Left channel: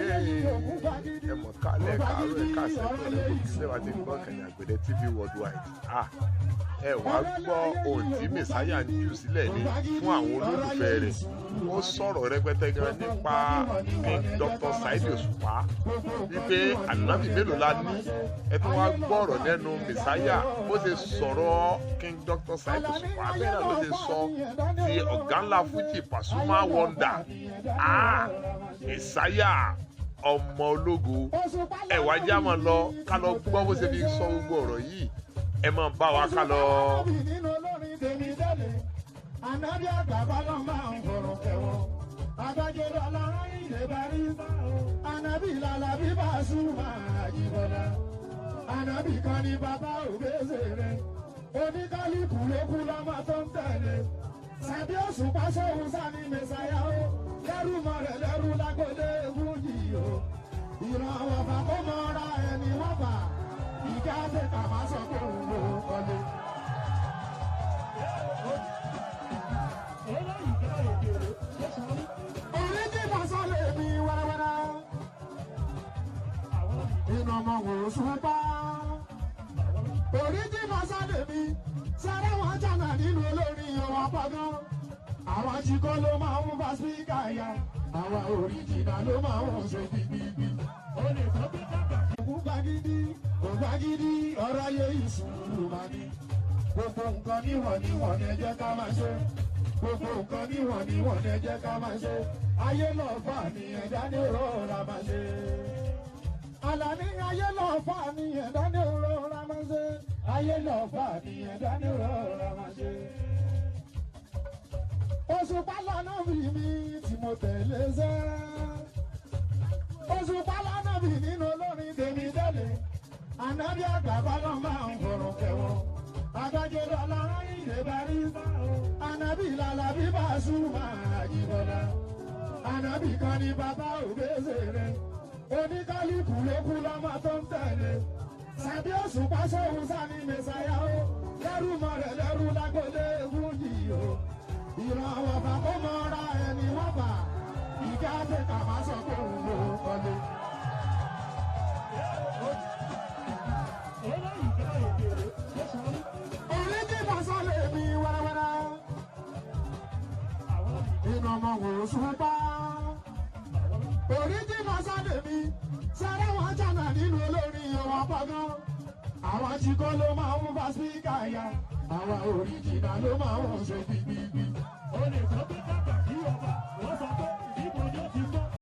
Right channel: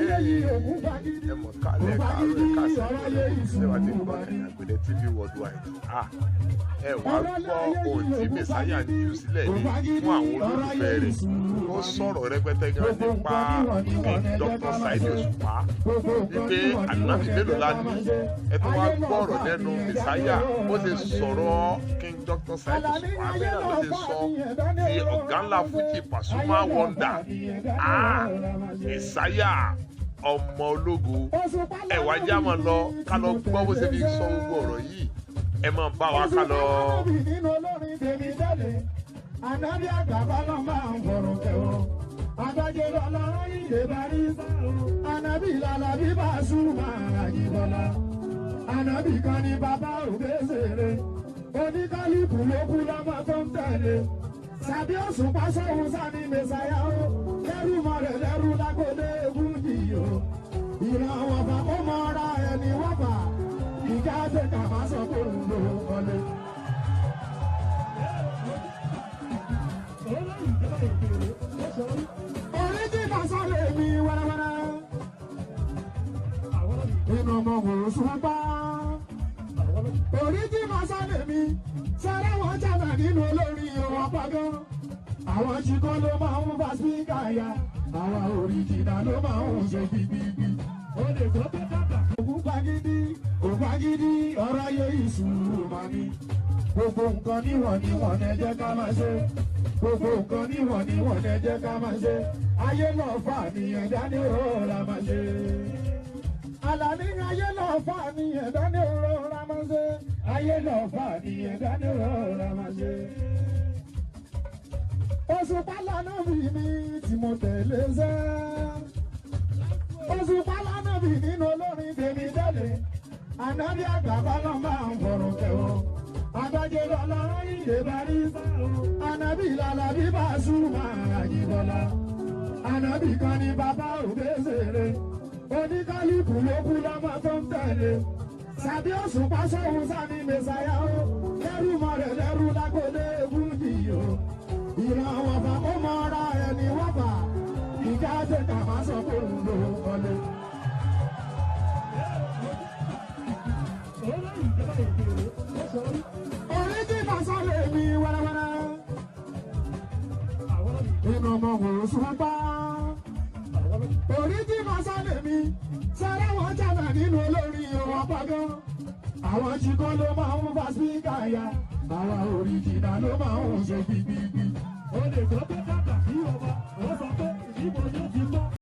ẹ mọ̀ kálẹ̀ káàárọ̀ ẹ̀ káàsẹ̀ kọ́ rẹ̀ kò kí sẹ́wà tí ń gbọ́ Kàní Àgbẹ̀dẹ TV worldwide. Ẹ wá gbọ́ ohun tí mẹ̀sáyà ń jù sílẹ̀ ní fún àwọn olólùfẹ́ rẹ̀. Ó sọ̀rọ̀ rẹpẹtẹ gan nípa King Dr. Saheed Òṣùpá wípé ànábì mélòó la ní. Ẹ tún wá gbọ́ ọ̀rọ̀ lẹ́nu mẹ̀sáyà bó ṣe sọ̀rọ̀ King Dr. Saheed Òṣùpá bẹ́ẹ̀ náà ló ṣe sọ ti ọ̀gá ńlá Fuji Pasuma Wonder. Mẹ̀sáyà ọmọ ológo ẹ wá já máa lọ ká lọ gbọ́ bó ṣe fi sọ gbogbo ọ̀rọ̀ yìí ẹ máa bá wa ká lọ. Àdájọ́ àgbàbá náà máa ń fọ̀rọ̀ kẹwọ́. Adájọ́ lọ́la ìdè bá rí sáà. Ànábì lálá bí bá súnmọ́ àjìbọ̀lá. Ànábì kan ní bàbá òbẹ́sẹ̀rẹ̀. Oníkálukú ló kú lọ́mọ tó ń tẹ̀lé. Sàbí Òṣùpá sóhun sáni mẹ́sàyà o. Lẹ́rù mọ́ rẹ̀ lẹ́rù lágbóde Fújì o. Ìran àwọn ọba ó mọ ra ẹni wọ́n bà. Ìjà àgbẹ̀ká bá sọ pé òun ló kọ́lé. Inú ọmọ wò Òṣùpá oríjì masálẹ̀ mi sára wọn jàdá nínú olórin ọwọ́ pàgọ́ àwọn ṣìkọ́ ló máa ń bá spíkà ya àwọn òrìjìnà ló máa ń ṣe bíbíbí ògbàgídí ọ̀rọ̀ yẹ ìṣúrù màní gbogbo nǹkan níwọ̀n ẹ jẹ́ ká máa ṣe gbogbo nǹkan níwọ̀n ẹ jẹ́ ká máa ṣe ayé lọ fà ní ẹ̀dá ní ọ̀rọ̀ máa ṣe. Àlàní ayé lọ fà ní ẹ̀dá ní ọ̀rọ̀ máa ṣe ayé lọ fà ní ẹ̀dá ní ọ̀rọ̀ máa ṣe. Òṣùpá lànà bí mi tí mo tẹ̀lé ṣe. Òṣùpá lànà bí nínú olórin tèmi délé. Ànábì àgbàbá náà máa ń fọ̀rọ̀ kẹwọ́. Adájọ́ lọ́la ìdè bá rí sáà. Ànábì lálá bí bá súnmọ́ àjìbọ̀lá. Ànábì kan ní bàbá òbẹ́sẹ̀rẹ̀. Oníkálukú ló kú lọ́mọ tó ń tẹ̀lé. Sàbí Òṣùpá sóhun sáni mẹ́sàyà o. Lẹ́rù mọ́ rẹ̀ lẹ́rù lágbóde Fújì o. Ìran àwọn ọba ó mọ ra ẹni wọ́n bà. Ìjà àgbẹ̀ká bá sọ pé òun ló kọ́lé. Oríjì masálẹ̀ mi wẹ́rẹ́wẹ́rẹ́. Inú ọmọ wò Òṣùpá oríjì masálẹ̀ mi sára wọn jàdá nínú olórin ọwọ́ pàgọ́ àwọn ṣìkọ́ ló máa ń bá spíkà ya àwọn òrìjìnà ló máa ń ṣe bíbíbí.